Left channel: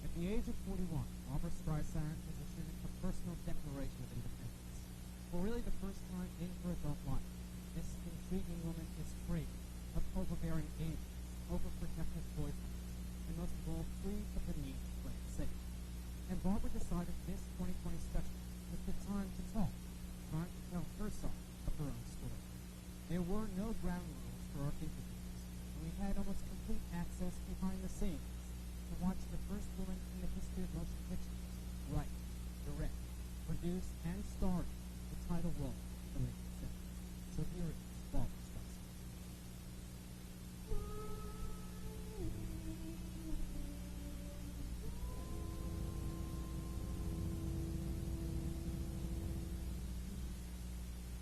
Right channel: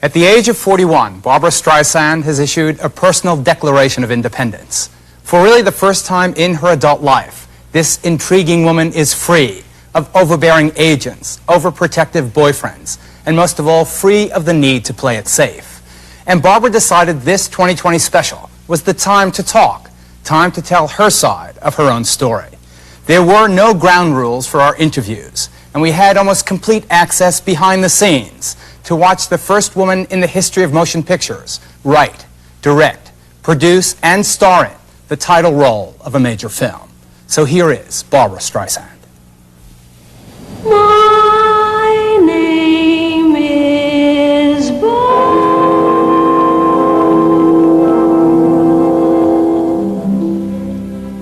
At the age of 41, Barbra Streisand has issued a personal declaration of independence. For really the first time in her adult life, this intriguing woman is free of overbearing agents, overprotective boyfriends, and most of all, free of the need to play it safe. And Barbra decided this 2020 special was the time to talk, time to tell her side of her own story. There were no ground rules for our interviews, and we had almost complete access behind the scenes to watch the first woman in the history of motion pictures write, direct, produce, and star in the title role of a major film. So here is Barbra Streisand. My name is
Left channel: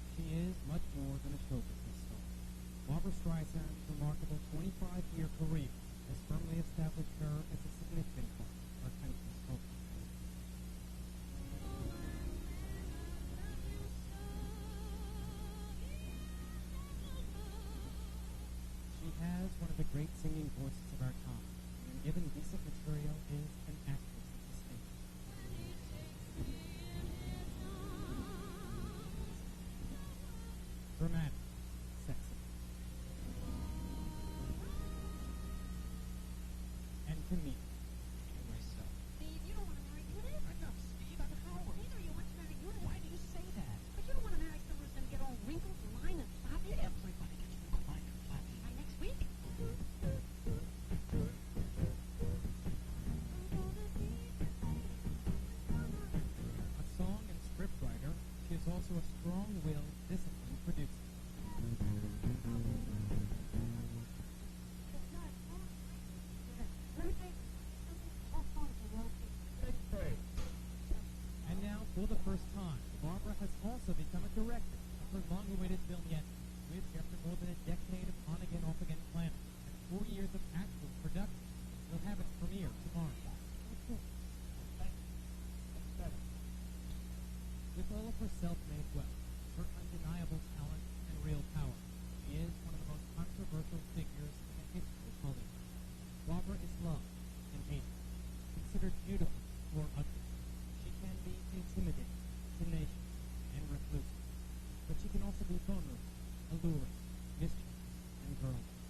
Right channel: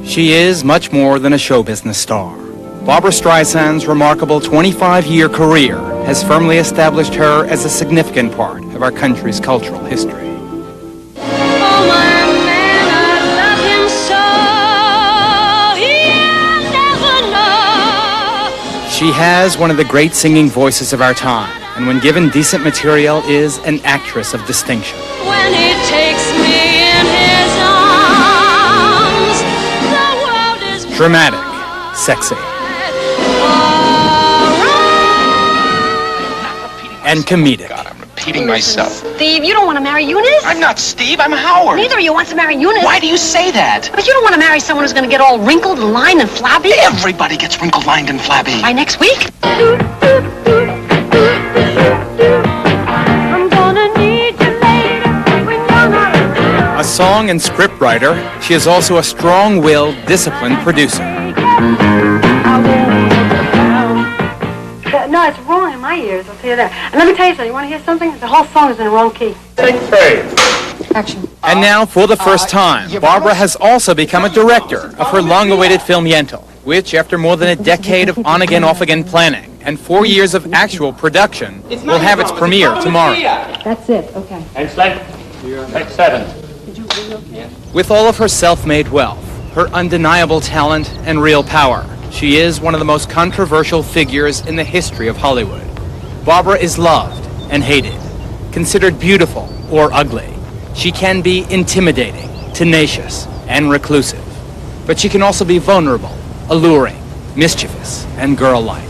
She is much more than a show business star. Barbra Streisand's remarkable 25-year career has firmly established her as a significant part of our country's cultural history. She has one of the great singing voices of our time, and when given decent material, is an actress of distinction. When he takes me in his arms, the world is Dramatic, sexy, and comedic. God, I'm repeating myself. Steve, you don't want to marry Eunice? I'm not Steve, I'm Howard. Neither of you wants to marry Eunice. Why do you say that? But you don't want to marry someone who's going to get all wrinkled and lined and flabby? Everybody gets wrinkled, lined, and flabby. By next week? I'm gonna need you later when you're not around. A song and scriptwriter, she is also a strong-willed, disciplined producer. No, it's wrong in my ears, I'll tell you that. And let me tell you something, you want to hear something? The whole song is in the wrong key. Action. And now, for the first time, Barbra has also become a director of her long-awaited film Yentl, which, after more than a decade of on-again, off-again planning and 4 years of actual production, will have its premiere tomorrow. That's it, okay. Excellent. Take 7. With all of her self-made wealth, her undeniable talent, and real power, she is one of the most controversial figures in the history of Hollywood. Barbra is loved and hated, considered beautiful or ugly. She can be intimidating, tenacious, and reclusive. But she can also be vulnerable, alluring, mischievous, and girl-like.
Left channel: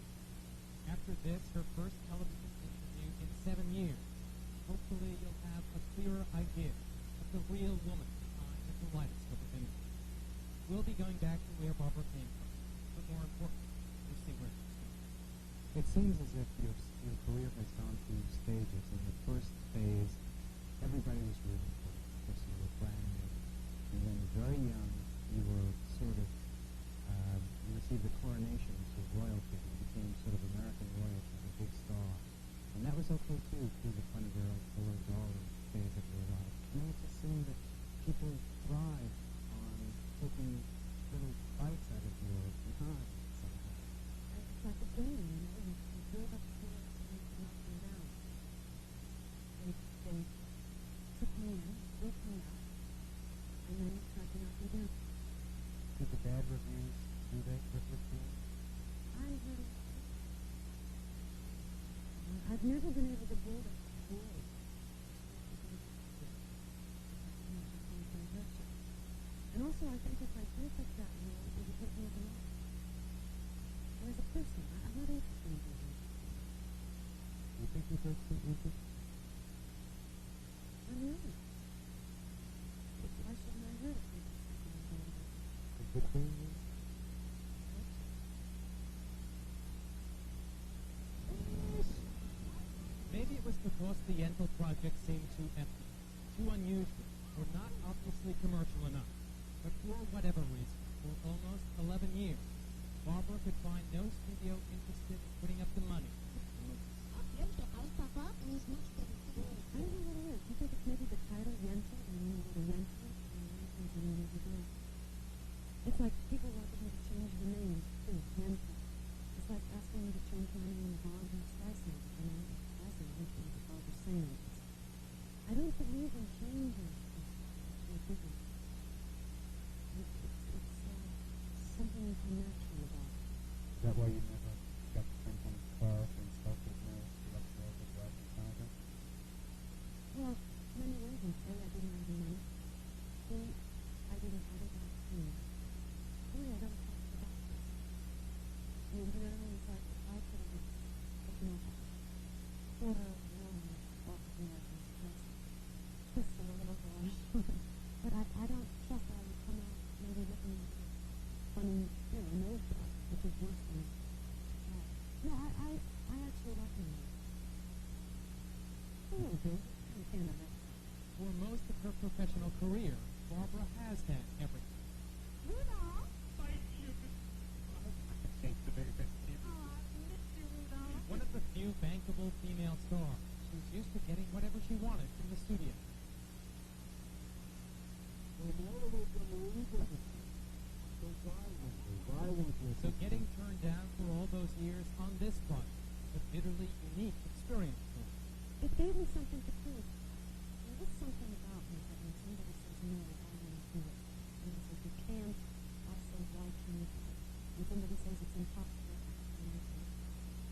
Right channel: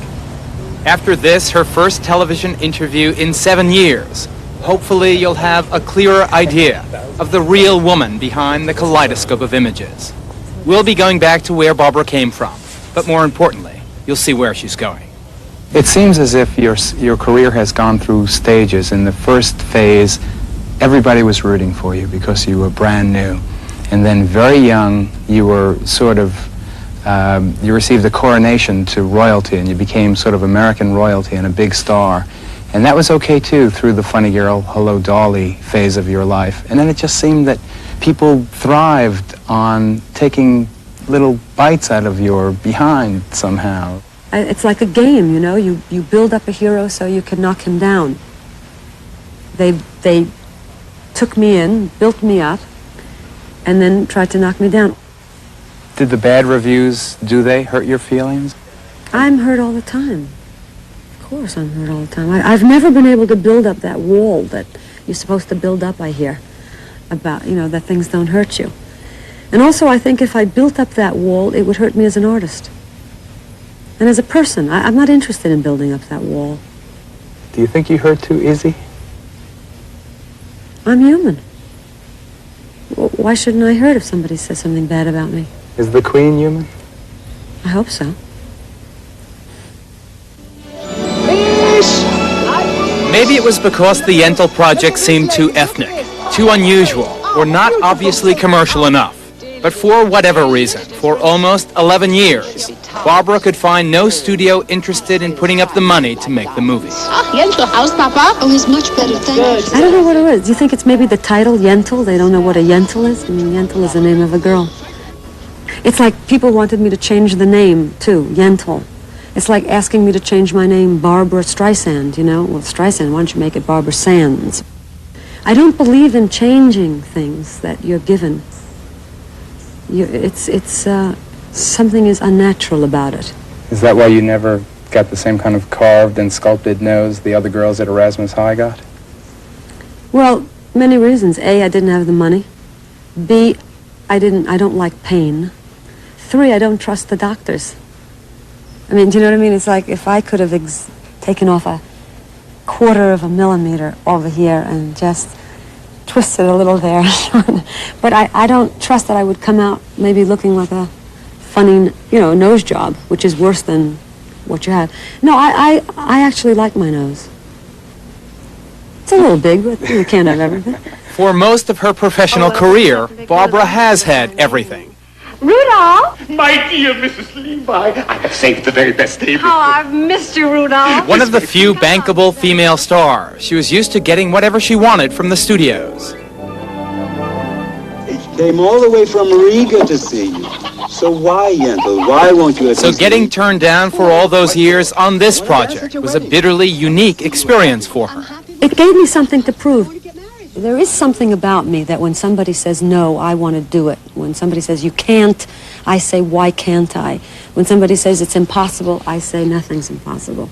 After this, her first television interview in 7 years, hopefully you'll have a clearer idea of the real woman behind the kaleidoscope of images. We'll be going back to where Barbra came from. But more importantly, you'll see where she's going. It seems as if your career has gone through stages. In the first phase, everybody was rooting for you because you were brand new. And then very young, you were sort of, you received a coronation to royalty, and you became sort of American royalty and a big star. And that was okay too through the funny girl, hello dolly phase of your life. And then it just seemed that people thrived on taking little bites out of your behind somehow. It's like a game, you know. You build up a hero so you can knock him down. They took me in, built me up, and then tried to knock me down. Did the bad reviews, do they hurt your feelings? I'm hurt all the time. Of course I'm hurt all the time. I've never been able to build up that wall that you're supposed to build up, I hear, about, you know, that things don't hurt you. And also, I think if I built up that wall, it would hurt me as an artist. And as a person, I'm not interested in building up that wall. Do you think you hurt too easy? I'm human. Why shouldn't I hurt if somebody says something bad about me? Is the Queen human? I hope so. Maybe it was because the Yentl project seemed too ethnic, too unusual, or not obviously commercial enough. But for whatever reason, for almost 11 years, Barbra could find no studio interested in putting up the money to make the movie. Yentl, how's Papa? Oh, he's much better, thanks. I don't know what it is. Do you think it's maybe the title, Yentl? They don't know what a Yentl is? I mean, Yentl is the name of a girl. It's like people wanted me to change the name, too, Yentl. It's like asking me to change my name, Barbra Streisand, you know? Well, Streisand, why don't you make it Barbra Sands? I don't believe in changing things that you're given. Something is unnatural about it. Is that why you never got the same kind of carved and sculpted nose the other girls at Erasmus High got? Well, many reasons. A, I didn't have the money. B, I don't like pain. 3, I don't trust the doctors. I mean, do you know what I mean? It's like if I could have taken off a 1/4 of a millimeter over here and just twisted a little there. But I don't trust that I would come out maybe looking like a funny, nose job, which is worse than what you have. No, I actually like my nose. It's a little big, but you can't have everything. For most of her professional career, Barbra has had everything. Rudolph! My dear Mrs. Levi, I have saved the very best table. Oh, I've missed you, Rudolph. One of the few bankable female stars, she was used to getting whatever she wanted from the studios. Came all the way from Riga to see you. So why, Yentl? Why won't you? So getting turned down for all those years on this project was a bitterly unique experience for her. It gave me something to prove. There is something about me that when somebody says no, I want to do it. When somebody says you can't, I say why can't I? When somebody says it's impossible, I say nothing's impossible.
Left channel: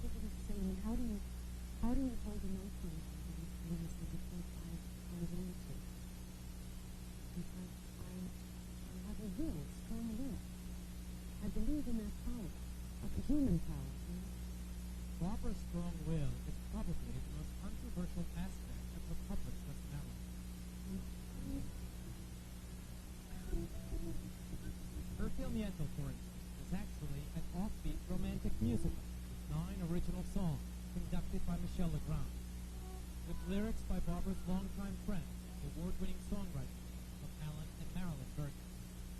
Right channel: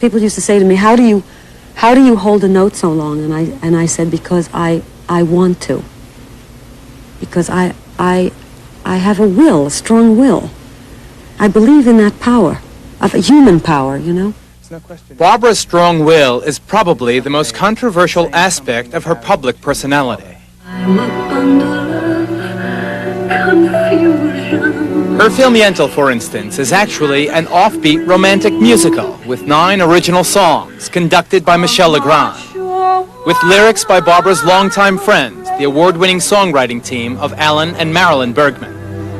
People used to say to me, how do you hold a note so long? And I said, because I want to. Because I have a will, a strong will. I believe in that power, of a human power, Barbra's strong will is probably the most controversial aspect of her public personality. Her film Yentl, for instance, is actually an offbeat romantic musical with 9 original songs conducted by Michel Legrand, with lyrics by Barbra's longtime friends, the award-winning songwriting team of Alan and Marilyn Bergman.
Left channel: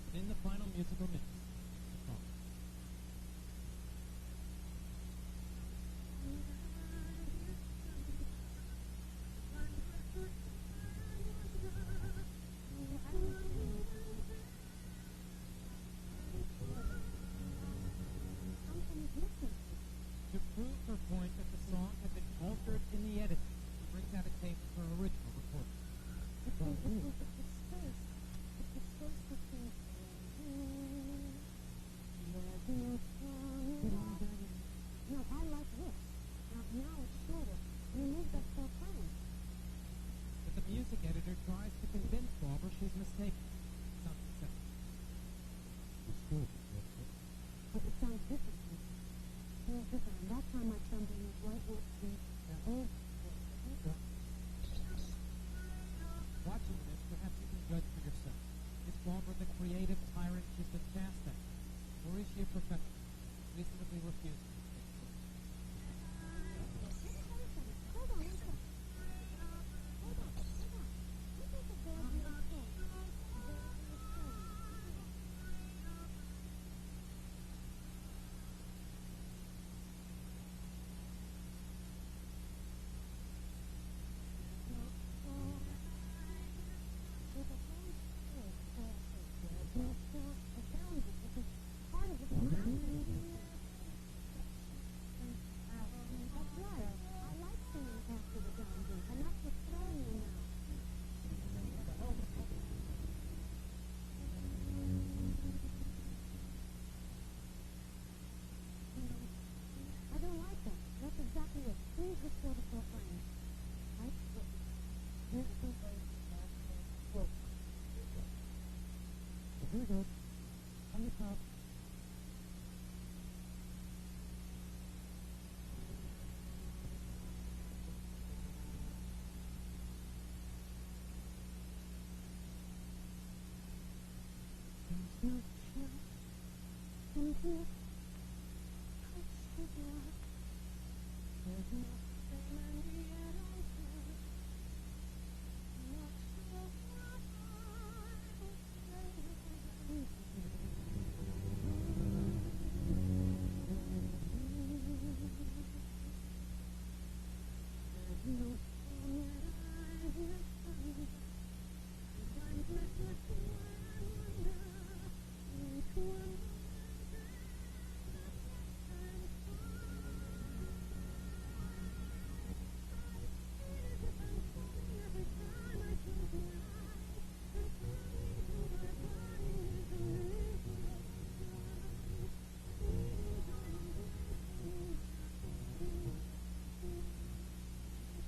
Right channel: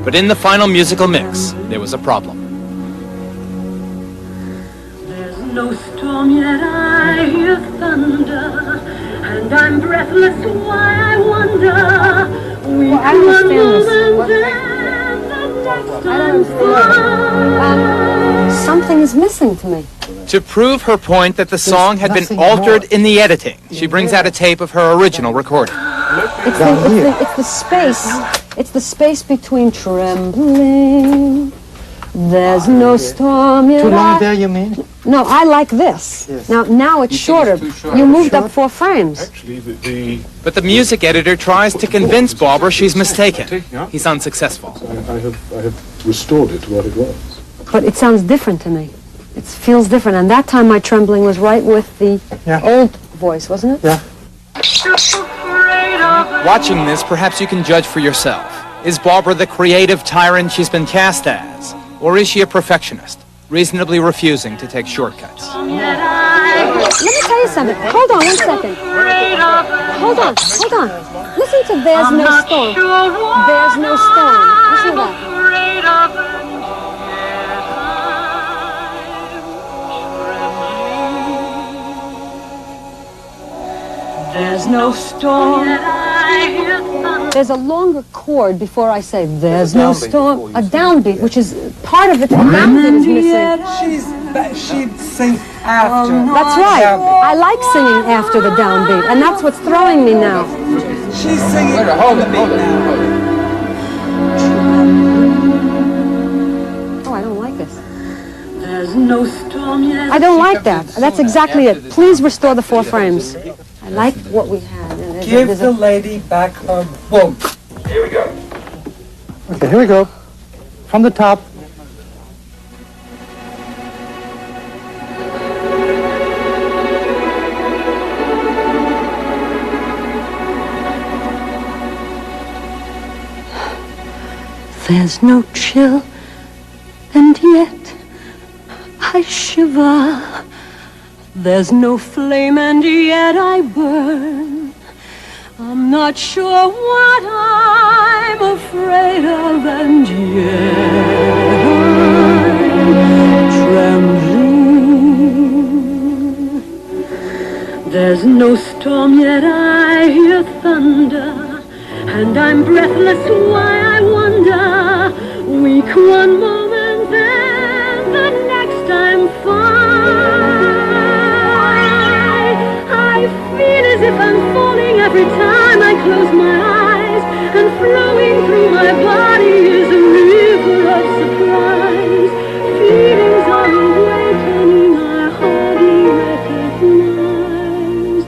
But in the final musical mix, there was a problem. No storm yet I hear thunder, and I'm breathless why I wonder. I don't understand this. Something is missing to me. To prove her point that the song had been altered in the editing, she brings out a tape of her original recording. It's the space between trembling. There's no storm yet. Too long there, you mean? No, I like this. Yes. Now it's shorter. You moved up 4 frames. Actually, But the music editor tries to convince Barbra she's mistaken. He's unsuccessful. I have restored it to what it was. But it sounds different to me. It feels different. And that time my trembling was right with the old voice, wasn't it? Yeah. Watching this, perhaps you can judge for yourself. Is Barbra the creative tyrant she's been cast as? Or is she a perfectionist, reasonably refusing to take shortcuts? Let me tell you something. Hold on 1 second. Hold on. Listen to There's No Storm. There's no storm. Listen to that. There's no storm. There's a longer chord before I say there's no storm. A downbeat, which is part of it. The downbeat is missing. She'd sing after. That's right. I like singing after the downbeat, and that's what's throwing me now. She's singing on the beat now. Oh, I don't like this. There's no storm yet. I don't like that. That's exactly it. Please restore the 4 frames. I like what we had. Give the lady back her book. Here we go. Okay, here we go. From the top. There's no chill, and yet I shiver. There's no flame, and yet I burn. I'm not sure what I'm afraid of, and yet I'm trembling. There's no storm, yet I hear thunder, and I'm breathless why I wonder. Weak one moment, then the next I'm fine. I feel as if I'm falling every time I close my eyes, and flowing through my body is a river of surprise. Feelings are awakening I hardly recognize.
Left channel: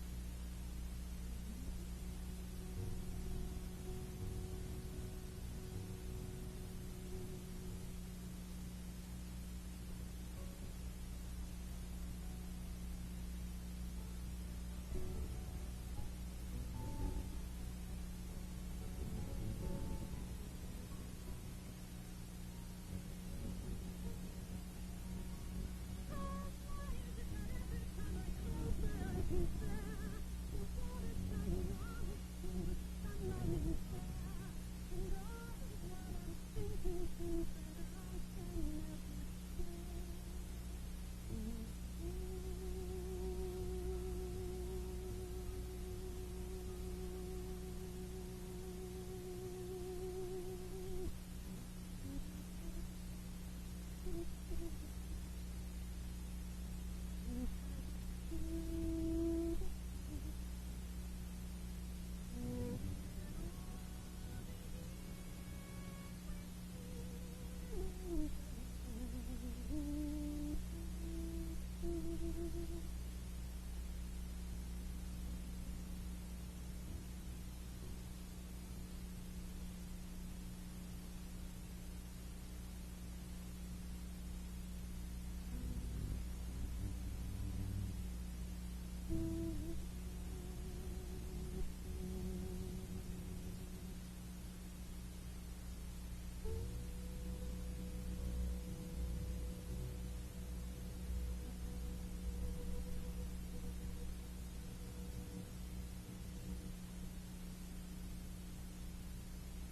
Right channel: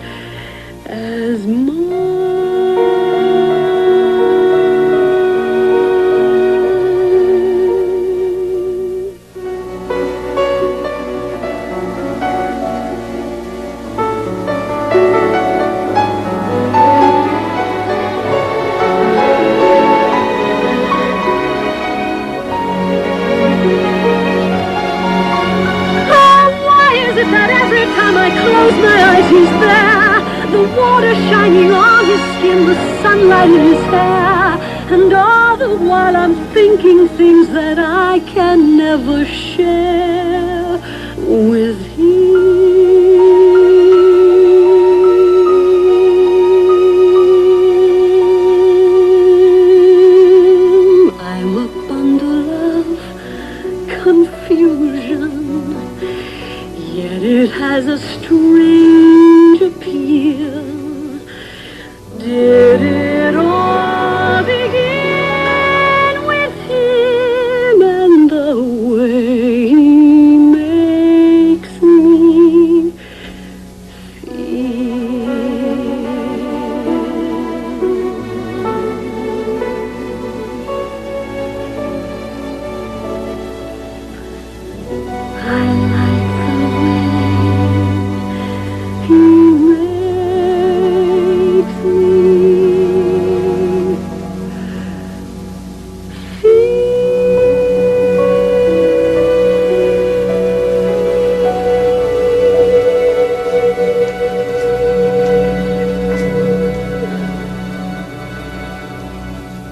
he's there. The water shining on his skin, the sunlight in his hair. And all the while I'm thinking things that I can never share with him. I'm a bundle of confusion, yet it has a strange appeal. Did it all begin with him and the way he makes me feel? I like the way he makes me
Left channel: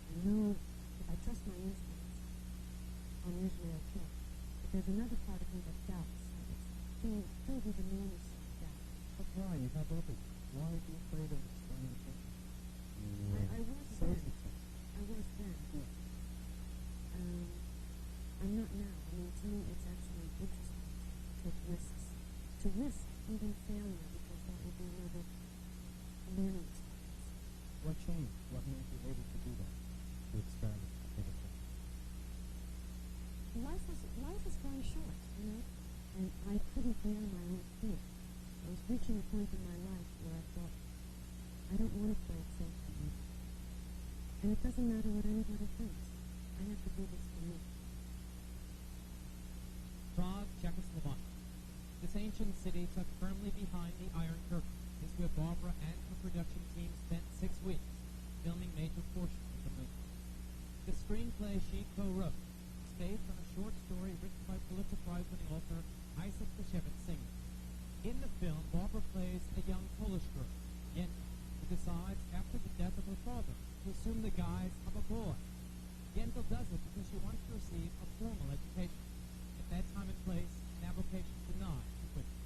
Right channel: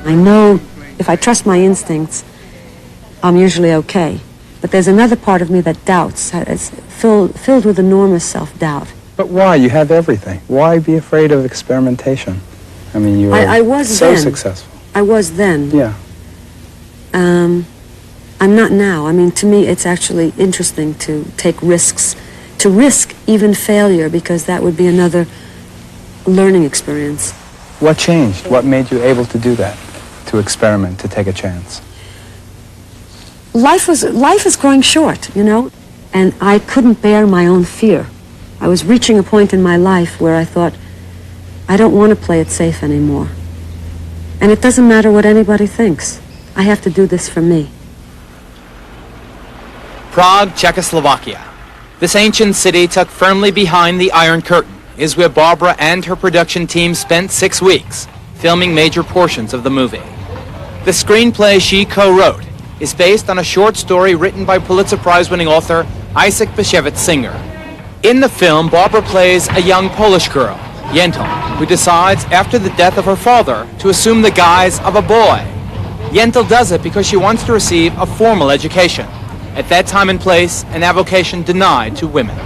I know if I trust my instincts, I'm usually okay. But there's another part of me that doubts. It's filled with enormous self-doubt. But why? You have everything. Why be afraid of experimentation? I mean, you I are was so then. successful. I was then. Yeah. I'm not now. I mean, to me, it's actually interesting to take risks, to risk even failure, because that would be another learning experience. What changed? What made you able to do that? To experiment, to take a chance? Life is growing short, you know, and I couldn't bear my own fear. I was reaching a point in my life where I thought, I don't want to play it safe anymore. And it doesn't matter what anybody thinks. I have to do this for me. Prague, Czechoslovakia. This ancient city tucked firmly behind the Iron Curtain is where Barbra and her production team spent 6 weeks filming major portions of the movie. The screenplay she co-wrote is based on a short story written by Pulitzer Prize-winning author Isaac Bashevis Singer. In the film, Barbra plays a young Polish girl, Yentl, who decides after the death of her father to assume the guise of a boy. Yentl does it because she wants to receive a formal education. At that time and place, an avocation denied to women.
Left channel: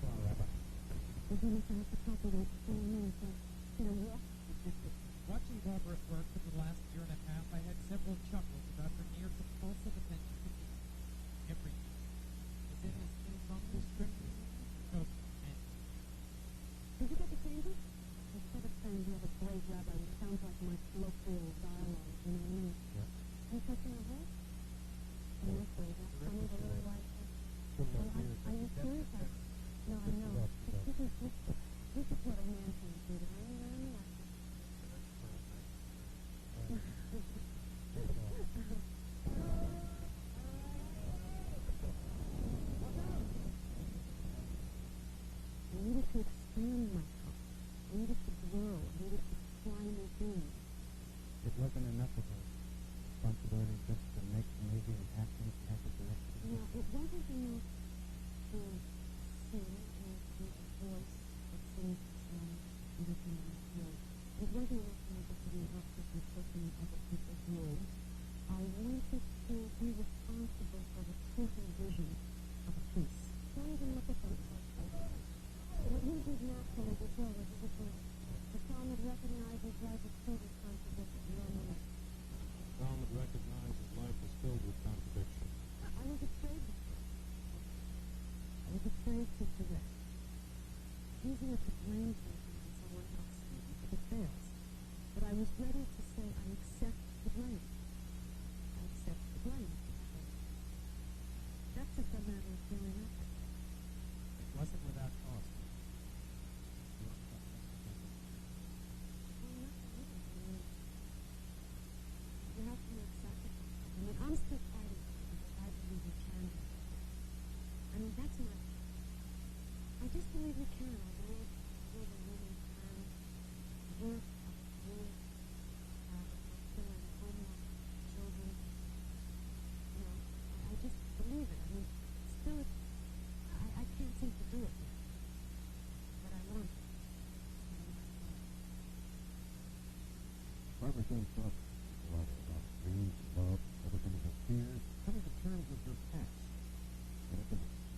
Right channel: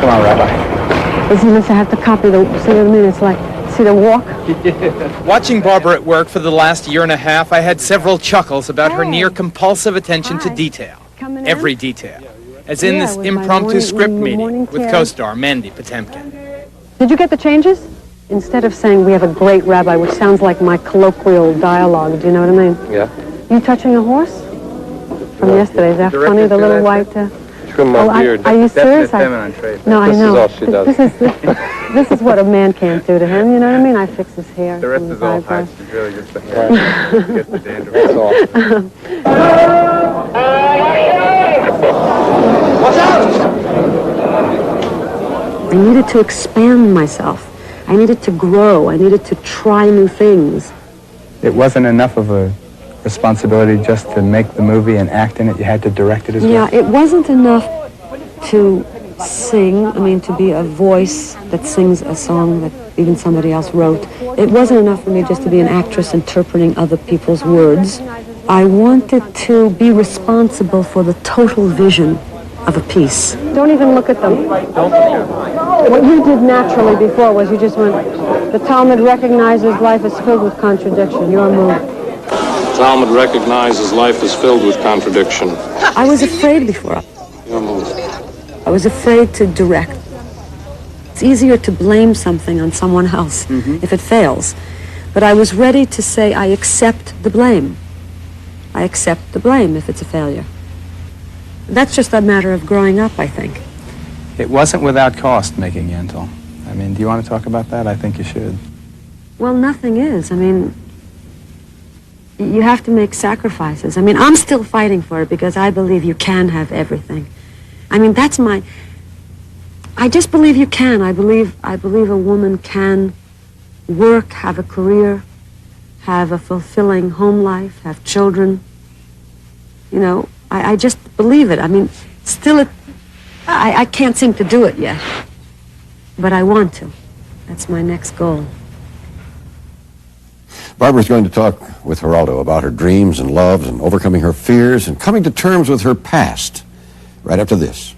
Come on, Rabbi. Isn't this, I have to copy the, see what I mean? It's like, see the walk? Watching Barbra at work for the last year and a half, I had several chuckles about her near-compulsive attention to detail. Coming in? Every detail. As in Yeah, this with my impromptu morning- script morning meeting with care. co-star Mandy Patinkin. Did you get the changes? Instead of saying we have a great rabbi, which sounds like my colloquial dialogue, do you know what I mean? Yeah. You touching a horse? From yesterday, is that funny? The little white... Trim my beard. Are you serious? No, I know. This is all she does. This is what a man can't do to him, you know what I mean? I fix his hair. The rest from is his all eyebrows. hype. She's really just the hair. Gets the dandruff. That's all. I needed to expand myself. I needed to grow. I needed to try new things. It wasn't enough of a responsibility just to make the movie and act in it. You had to direct it as well. Yeah, it wasn't enough to sing, I mean, to be a voice that sings a song that even somebody else wrote. It wasn't enough for me just to be an actress interpreting other people's words. I wanted to be responsible for the total vision of a piece. Don't even look at them. What you did naturally before was you just went, the Talmud recognizes life is filled with contradiction. Your move. Talmud recognizes life is filled with contradiction. I was afraid before. Your move. I was afraid to direct. It's easier to blame something on someone else if it fails. But I was ready to say, I accept the blame. I accept the blame if it's a failure. That's just a matter of growing up, I think. It wasn't without cost making Yentl. I mean, do you want to talk about that? I think you should. Well, nothing is. I mean, you have to make sacrifices. I mean, I'm still fighting for it because I believe you can have everything. I mean, that's my... I just believe you can. I believe a woman can work, have a career, have a fulfilling home life, have children. You know, I just believe it. I mean, still I can't seem to do it yet. But I want to. That's my next goal. Barbara's going to talk with Geraldo about her dreams and loves and overcoming her fears and coming to terms with her past right after this.